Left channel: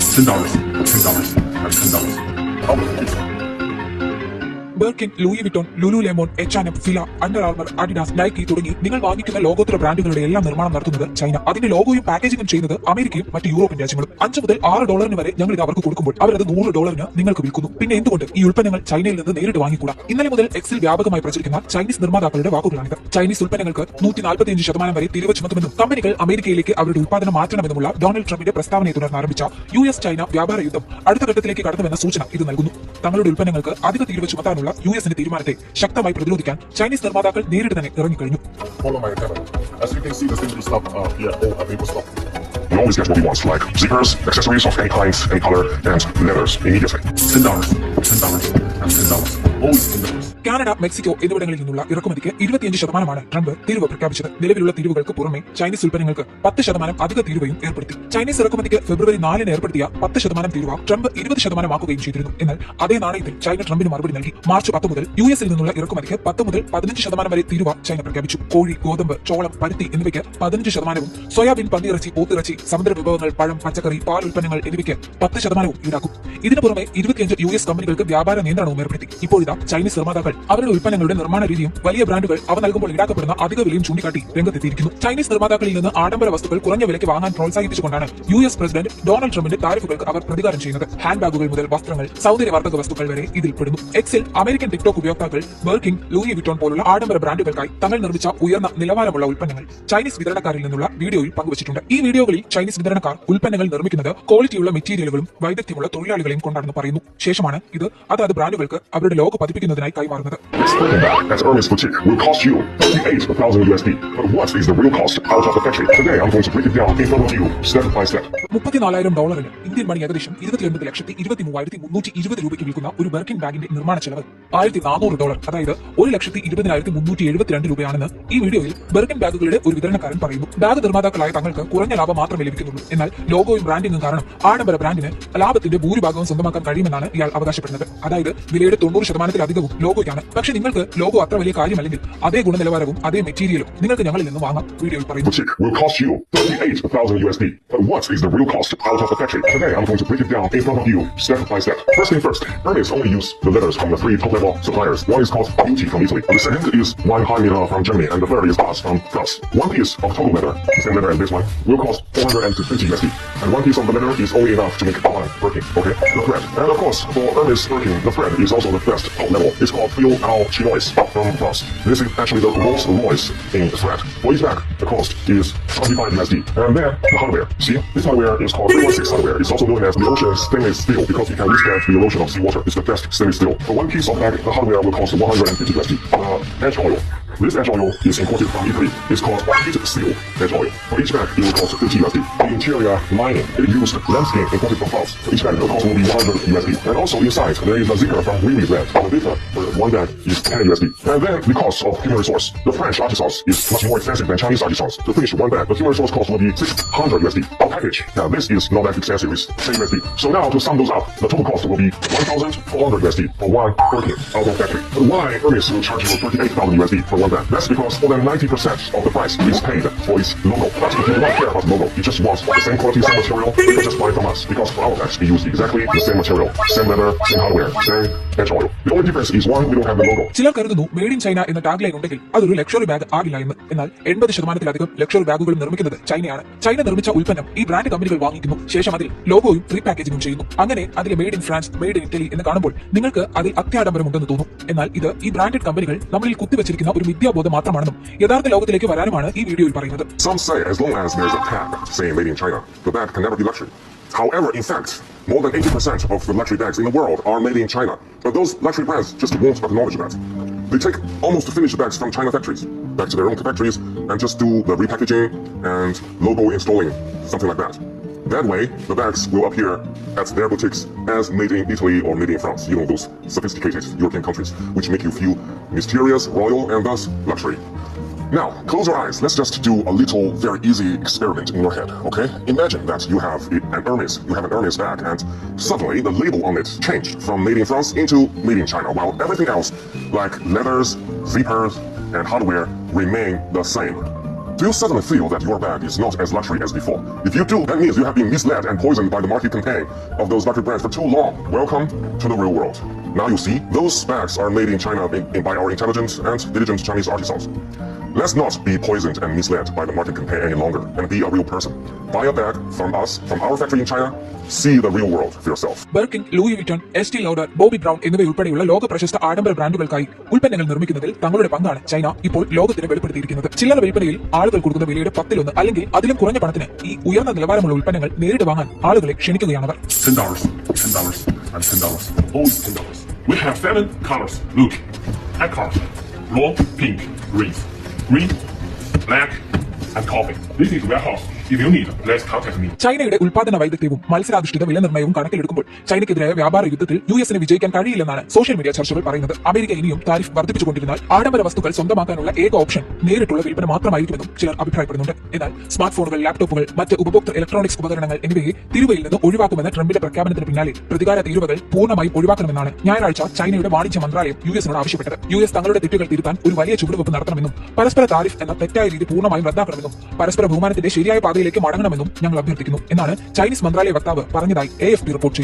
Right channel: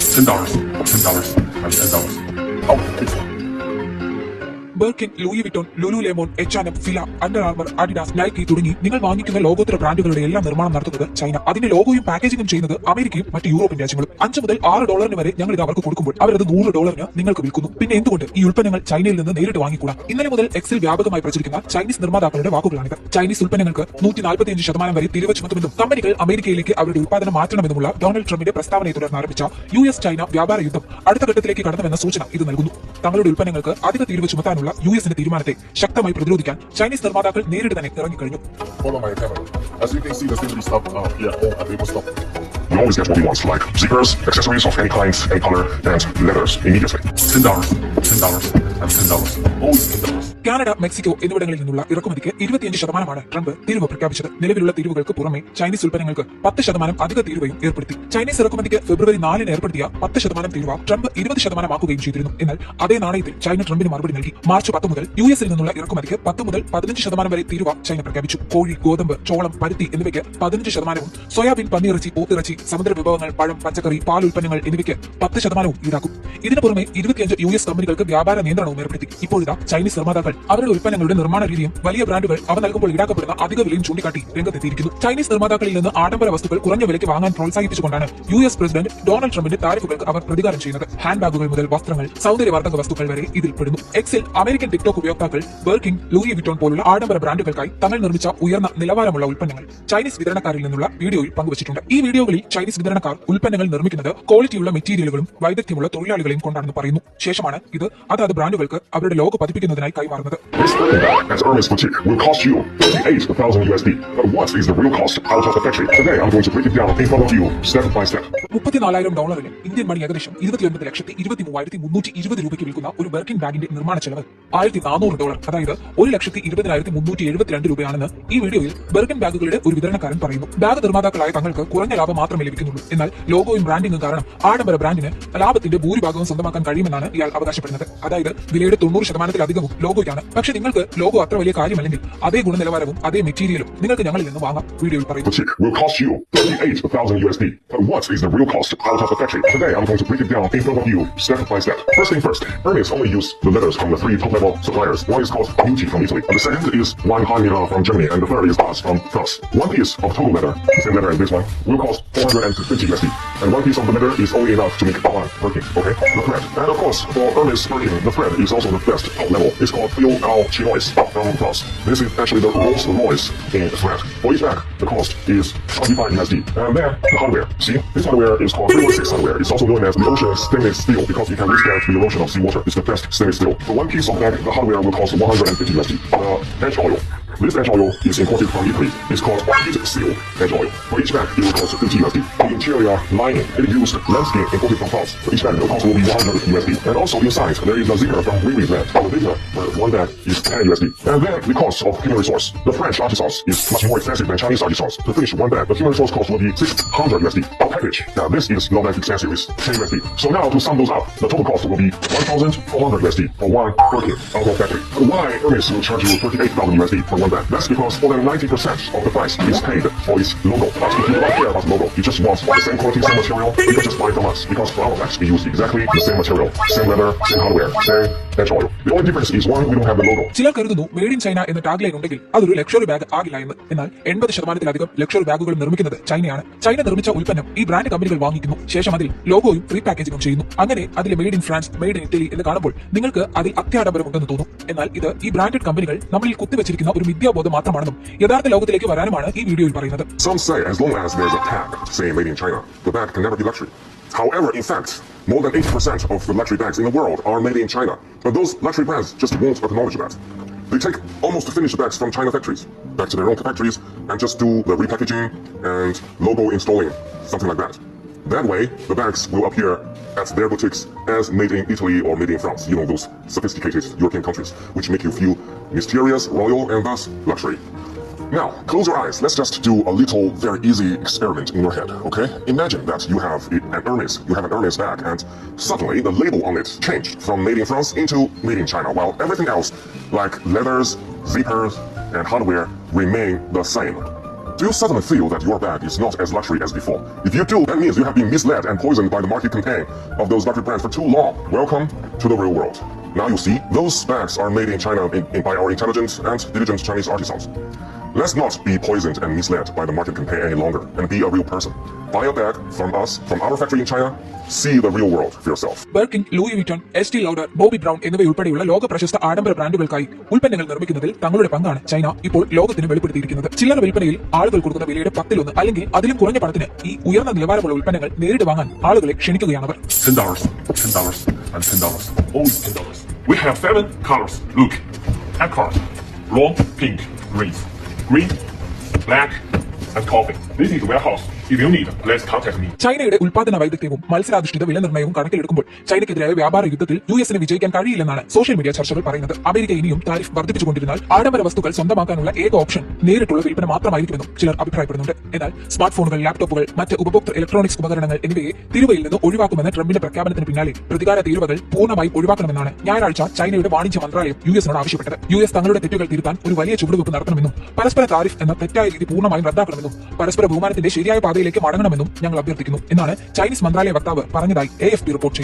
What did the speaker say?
$10. $10. That's $10. Oh, thanks. Birkin, Louis Vuitton, Lululemon, H&M, Fila, Under Armour, Adidas, Nike തുടങ്ങി നിങ്ങൾ വാങ്ങിക്കുന്ന ലോകോത്തര ബ്രാൻഡുകളുടെ എല്ലാം നിർമ്മാണം നടത്തുന്നത് ചൈന. അതിന്റെ ലോഗോയും പാക്കേജിംഗും ചെയ്യുന്നത് അമേരിക്കയും മറ്റ് യൂറോപ്യൻ രാജ്യങ്ങളും. $5 മുതൽ $6 വരെ ഞങ്ങൾ ഇത് അവർക്ക് കൊടുക്കുമ്പോൾ അവരത് $100 നിങ്ങൾക്ക് വിൽക്കുന്നു. പിന്നെ എന്തുകൊണ്ട് ഈ ഉൽപ്പന്നങ്ങൾ ചൈനയിൽ നിന്ന് നേരിട്ട് വാങ്ങിക്കൂടാ? ഇന്നലെ മുതൽ എക്സിൽ വ്യാപകമായി പ്രചരിക്കുന്ന ചൈനീസ് നിർമ്മാതാക്കളുടെ വാക്കുകളാണിത്. ചൈനീസ് ഉൽപ്പന്നങ്ങൾക്ക് 145% വരെ തീരുവ ചുമത്തുമെന്നും കമ്പനികൾ അമേരിക്കയിലേക്ക് അവരുടെ ഉൽപ്പാദനം മാറ്റണമെന്നുമുള്ള ഡൊണാൾഡ് ട്രംപിന്റെ പ്രസ്താവനയെ തുടർന്ന് ആരംഭിച്ച US ചൈന വ്യാപാര യുദ്ധം അടുത്ത ഘട്ടത്തിലേക്ക് കടന്നുവെന്ന സൂചന ഇത് നൽകുന്നു. തങ്ങളുടെ ഉൽപ്പന്നങ്ങൾക്ക് അധിക തീരുവ ചുമത്താനുള്ള യുഎസിന്റെ തീരുമാനത്തെ ശക്തമായി പ്രതിരോധിക്കാൻ ചൈനീസ് നിർമ്മാതാക്കൾ നേരിട്ട് തന്നെ ഇറങ്ങിക്കഴിഞ്ഞു. Hold on, my camera. As you can see, there's digital stuff. Yeah, all people stuff. You always get what you want, like zippers, accessories of any kind and color, and leathers immediately. $10. $10. That's $10. Always $10. Canada, Mexico എന്നിവിടങ്ങളിൽ നിന്നുള്ള ഇറക്കുമതിക്ക് 25% തീരുവ പ്രഖ്യാപിച്ചത്. നിലവിലുള്ള തീരുവകൾക്ക് പുറമെ Chinese ഉൽപ്പന്നങ്ങൾക്ക് 10% അധിക തീരുവയും ഏർപ്പെടുത്തി. Chinese ഇറക്കുമതിക്ക് ഫെബ്രുവരി 4 ഏർപ്പെടുത്തിയ 10% തീരുവ ട്രംപ് 20% ആക്കുകയും ചെയ്തിരുന്നു. എന്നാൽ അതേ നാണയത്തിൽ ചൈന ട്രംപിന് മറുപടി നൽകി. മാർച്ച് 10 മുതൽ യുഎസിൽ നിന്നുള്ള ഇറക്കുമതിക്ക് 10 മുതൽ 15% വരെ തീരുവ ചൈന പ്രഖ്യാപിച്ചു. കോഴി, ഗോതമ്പ്, ചോളം, പരുത്തി എന്നിവയ്ക്ക് 15%, സോയാബീൻ, പന്നിയിറച്ചി, പോത്തിറച്ചി, സമുദ്ര വിഭവങ്ങൾ, പഴം, പച്ചക്കറി, പാൽ ഉൽപ്പന്നങ്ങൾ എന്നിവയ്ക്ക് 10% ഈടാക്കും. ഇതിനു പുറമെ 25 US കമ്പനികൾക്ക് വ്യാപാര നിയന്ത്രണവും ഏർപ്പെടുത്തി. ഇപ്പോഴിതാ ചൈനീസ് നിർമ്മാതാക്കൾ അവരുടെ ഉൽപ്പന്നങ്ങളുടെ നിർമ്മാണ രീതിയും വലിയ ബ്രാൻഡുകൾ അവ നൽകുമ്പോൾ ഈടാക്കപ്പെടുന്ന അധിക വിലയും ചൂണ്ടിക്കാട്ടി രംഗത്തെത്തിയിരിക്കുന്നു. ചൈനീസ് നിർമ്മാതാക്കളിൽ നിന്ന് ആഡംബര വസ്തുക്കൾ കുറഞ്ഞ വിലയ്ക്ക് വാങ്ങാൻ പ്രോത്സാഹിപ്പിച്ചുകൊണ്ടാണ് US പ്രസിഡന്റ് ഡൊണാൾഡ് ട്രംപിന്റെ താരിഫുകൾക്ക് അവർ പ്രതികാരം ചെയ്യുന്നത്. ഹാൻഡ് ബാഗുകൾ മുതൽ വസ്ത്രങ്ങൾ, സൗന്ദര്യവർദ്ധക വസ്തുക്കൾ വരെ ഇതിൽ പെടുന്നു. എക്സിൽ അമേരിക്കൻ ടിക്ടോക്ക് ഉപയോക്താക്കൾ ബർക്കിൻ, ലൂയി വിറ്റോൺ പോലുള്ള ആഡംബര ബ്രാൻഡുകൾക്കായി തങ്ങൾ നിർമ്മിച്ച ഉയർന്ന നിലവാരമുള്ള ഉൽപ്പന്നങ്ങൾ ചൈനീസ് വിതരണക്കാരിൽ നിന്നുള്ള വീഡിയോയിൽ പങ്കുവച്ചിട്ടുണ്ട്. ഈ വീഡിയോകളിൽ ചൈനീസ് വിതരണക്കാർ ഉൽപ്പന്നങ്ങൾ നിർമ്മിക്കുന്നത് ക്വാളിറ്റിയുള്ള മെറ്റീരിയലുകളും വൈദഗ്ധ്യമുള്ള തൊഴിലാളികളെയും കൊണ്ടാണെന്ന് പറയുന്നു. ശേഷമാണ് ഇത് അതാത് ബ്രാൻഡുകൾക്ക് അവരുടെ ലോഗോ പതിപ്പിക്കുന്നതിനായി കൈമാറുന്നത്. This Birkin bag at Hermes Boutique will cost you $38,000 USD. But what is the real cost out of the factory? Today I'm going to break it down in front of you, step by step. $34,000 Indian money ഏകദേശം 29,23,320 രൂപയ്ക്ക് വിൽക്കുന്ന ഒരു ബർക്കിൻ ബാഗിന്റെ നിർമ്മാണ ചെലവ് $1,400, അതായത് 1,20,372 രൂപയാണെന്ന് ഈ വീഡിയോയിൽ ബർക്കിൻ ബാഗുകളുടെ ഒരു വിതരണക്കാരൻ പറയുന്നു. ബാഗ് നിർമ്മാതാക്കളായ തങ്ങൾക്ക് കുറഞ്ഞ ലാഭം മാത്രമേ ലഭിക്കുന്നുള്ളൂ. എന്നാൽ ലോഗോയും ബ്രാൻഡിംഗും കാരണം ആഡംബര ബ്രാൻഡിന് ലാഭത്തിന്റെ ഭൂരിഭാഗവും സ്വന്തമാക്കാൻ കഴിയുമെന്നാണ് ഇയാൾ അവകാശപ്പെടുന്നത്. അതായത് വിലയുടെ 90%-ലധികവും ലോഗോയ്ക്കാണ്. പക്ഷേ നിങ്ങൾക്ക് ലോഗോ അത്ര വലിയ കാര്യമല്ലെങ്കിൽ അതേ ഗുണനിലവാരവും അതേ മെറ്റീരിയലും നിങ്ങൾക്ക് ഞങ്ങളിൽ നിന്ന് വാങ്ങാം. വീഡിയോയിൽ പറയുന്നു. Boutique will cost you $38,000 USD. But what is the real cost out of the factory? Today I'm going to break it down in front of you, step by step. First thing first, Hermes only use the leathers from the 3 top-level suppliers. One is called Beauty from Italy. The second is Weinheim from Germany, and the third is Boss from France. One piece of total leather, same leather as this one, will cost $450 USD. And one piece of the leather is only enough to make one Birkin, okay? The thread. And of course, for Hermes Birkin, the thread is also the best top level. It's called Fil Al Chinois from France. This is actually the most moist in the thread. For each bag, the cost is $25 USD. And then, the hardware. See, this hardware is called 6 hardware. It's also known as the ocean stainless steel because it can withstand the erosion of seawater. It's the best stainless steel. For one piece of bag, the hardware will cost $150 USD. Edge oil. This edge oil is imported from Italy. It's called heated steel edge oil. For each bag, it will cost $50 USD. The interior lining, it used lambskin imported from France. For each bag, the cost will be $100 USD. And also inside, there is a zipper from Weaving Brand. The zipper for one bag is $10 USD. And then the cost of human resource. The French artisans is much more expensive than Chinese artisans. To finish one bag, the human resource cost will be $600 USD. A package. Now this is not that expensive. It's $10 USD. So now to sum those up, the total cost will be $1,400 USD for one Birkin out of factory. But why Hermes will charge you $38,000 USD for one bag? That's because more than 90% of the price is paid for its logo. That's if you don't care about the logo. You just want the same quality, same material, you can just buy it from us. Because for our bags, we use exactly the same material, same leather, same hardware, same edge oil. The only difference is why we don't have the logo. ചിലർ കരുതുന്നു made in China എന്ന tag line ഉണ്ടെങ്കിൽ അതൊരു luxury bag ആകില്ല എന്ന്. എന്നാൽ 80%-ലധികം luxury ബാഗുകൾ നിർമ്മിക്കുന്നത് ചൈനയാണ്. ചൈന നിർമ്മിച്ച ഉൽപ്പന്നം ഈ ബ്രാൻഡ് കമ്പനികൾ വാങ്ങിക്കുന്നു. ശേഷം അതിൽ ലോഗോയും റീപാക്കേജിംഗും ചെയ്യുന്നു. അങ്ങനെ അതിൽ made in France, made in Italy എന്ന് കാണുമ്പോൾ നിങ്ങൾക്ക് അതിൽ അത്യാഡംബരമുണ്ടെന്ന് തോന്നും. എന്നാൽ ഇത് ഈ ബ്രാൻഡഡ് കമ്പനികൾ നമ്മളിൽ കുത്തിവെച്ചിരിക്കുന്ന ഒരു മിഥ്യാബോധം മാത്രമാണെന്നും യഥാർത്ഥ ലോകത്തിലേക്ക് വരാനുമാണ് ഈ വീഡിയോയിൽ പറയുന്നത്. Some say as long as there's a tag saying made in China, the bag can never be luxury. However, in fact, more than 80% of the luxury bags in the world are made in China. But those luxury brands just won't acknowledge that. They take almost finished bags from China factories back to their own factories and just do the repackaging and logo installing, something like that. That way, the bags will appear at their boutiques as made in Italy or made in France, you know, those sophisticated European countries, which make you feel mysterious, royal, and thus luxury. Now, close your eyes. Let's just do a little, very easy experiment in your head, okay? Imagine that you have an Hermes bag, and suddenly the label on it changed from made in France into made in China, while everything else, like leathers, zippers, and hardware, remain the same. Do you suddenly feel that your bag is not as luxury as before? If you do, that means you have been misled and poisoned by the market campaign of those luxury brands for too long. Welcome to the real world. Now you see, those bags are made in China by our intelligent and diligent Chinese artisans. Let's not be poisoned and misled by the market campaign any longer and be a real person. Buy a bag from us, from our factory in China. See the real world for yourself. Birkin, Louis Vuitton, Estee Lauder, Bobbi Brown എന്നിവയുൾപ്പെടെയുള്ള ലോക പ്രശസ്ത ആഡംബര ബ്രാൻഡുകൾക്കായി ഉൽപ്പന്നങ്ങൾ നിർമ്മിക്കുന്നതിൽ തങ്ങളുടെ പങ്കാണ് China ഇപ്പോൾ ലോകത്തിന് വെളിപ്പെടുത്തിയിരിക്കുന്നത്. ചില്ലറ വിൽപ്പനയിൽ ആളുകൾ കൊടുക്കുന്ന വിലയുടെ 10-1 അല്ലെങ്കിൽ അതിലും കുറഞ്ഞ പണത്തിന് ഈ ഉയർന്ന നിലവാരമുള്ള ഉൽപ്പന്നങ്ങൾ നേരിട്ട് വാങ്ങാൻ ആളുകളെ ക്ഷണിക്കുകയാണവർ. $10, $10, and $10. Only $10. We have 7 colors. Look, and colors: raw, pink, green, black, and coffee. This is warehouse. If you need, let's contact me. ചൈനയുടെ ഉൽപാദന വൈദഗ്ധ്യവും മത്സരാധിഷ്ഠിത വില നിർണ്ണയവും കണക്കിലെടുക്കുമ്പോൾ ചൈനയ്ക്കെതിരായ വ്യാപാര യുദ്ധത്തിൽ യുഎസിന് വിജയിക്കാൻ കഴിയില്ലെന്നാണ് സോഷ്യൽ മീഡിയ ചർച്ചകൾ പറയുന്നത്. അമേരിക്ക ഇനിയും താരിഫ് വർദ്ധിപ്പിച്ചുകൊണ്ടിരുന്നാൽ ആഡംബര വസ്തുക്കൾ സ്വന്തമാക്കാനുള്ള ഏക ഓപ്ഷൻ നേരിട്ടുള്ള വിൽപ്പന മാത്രമായിരിക്കുമെന്നും ചിലർ അഭിപ്രായപ്പെടുന്നുണ്ട്. എന്നാൽ സ്മാർട്ട് ഫോണുകൾ, ലാപ്ടോപ്പുകൾ, മറ്റ് ഉപഭോക്തൃ ഇലക്ട്രോണിക്സ് ഉപകരണങ്ങൾ എന്നിവയെ തീരുവയിൽ നിന്ന് ഒഴിവാക്കുമെന്ന ട്രംപിന്റെ പ്രഖ്യാപനത്തിന് പിന്നാലെ പ്രതികാര തീരുവകൾ പൂർണ്ണമായും ഒഴിവാക്കണമെന്നാണ് ഞായറാഴ്ച ചൈനയുടെ വാണിജ്യ മന്ത്രാലയം യുഎസിനോട് ആവശ്യപ്പെട്ടത്. യുഎസ് തങ്ങളുടെ തെറ്റുകൾ തിരുത്താൻ ഒരു വലിയ ചുവടുവെപ്പ് നടത്തണമെന്നും പരസ്പര താരിഫ് എന്ന തെറ്റായ രീതി പൂർണ്ണമായും റദ്ദാക്കണമെന്നും പരസ്പര ബഹുമാനത്തിന്റെ ശരിയായ പാതയിലേക്ക് മടങ്ങണമെന്നും ഞങ്ങൾ അഭ്യർത്ഥിക്കുന്നു എന്നാണ് ചൈനീസ് മന്ത്രാലയ വക്താവ് പറഞ്ഞതായി AFP റിപ്പോർട്ട് ചെയ്തു.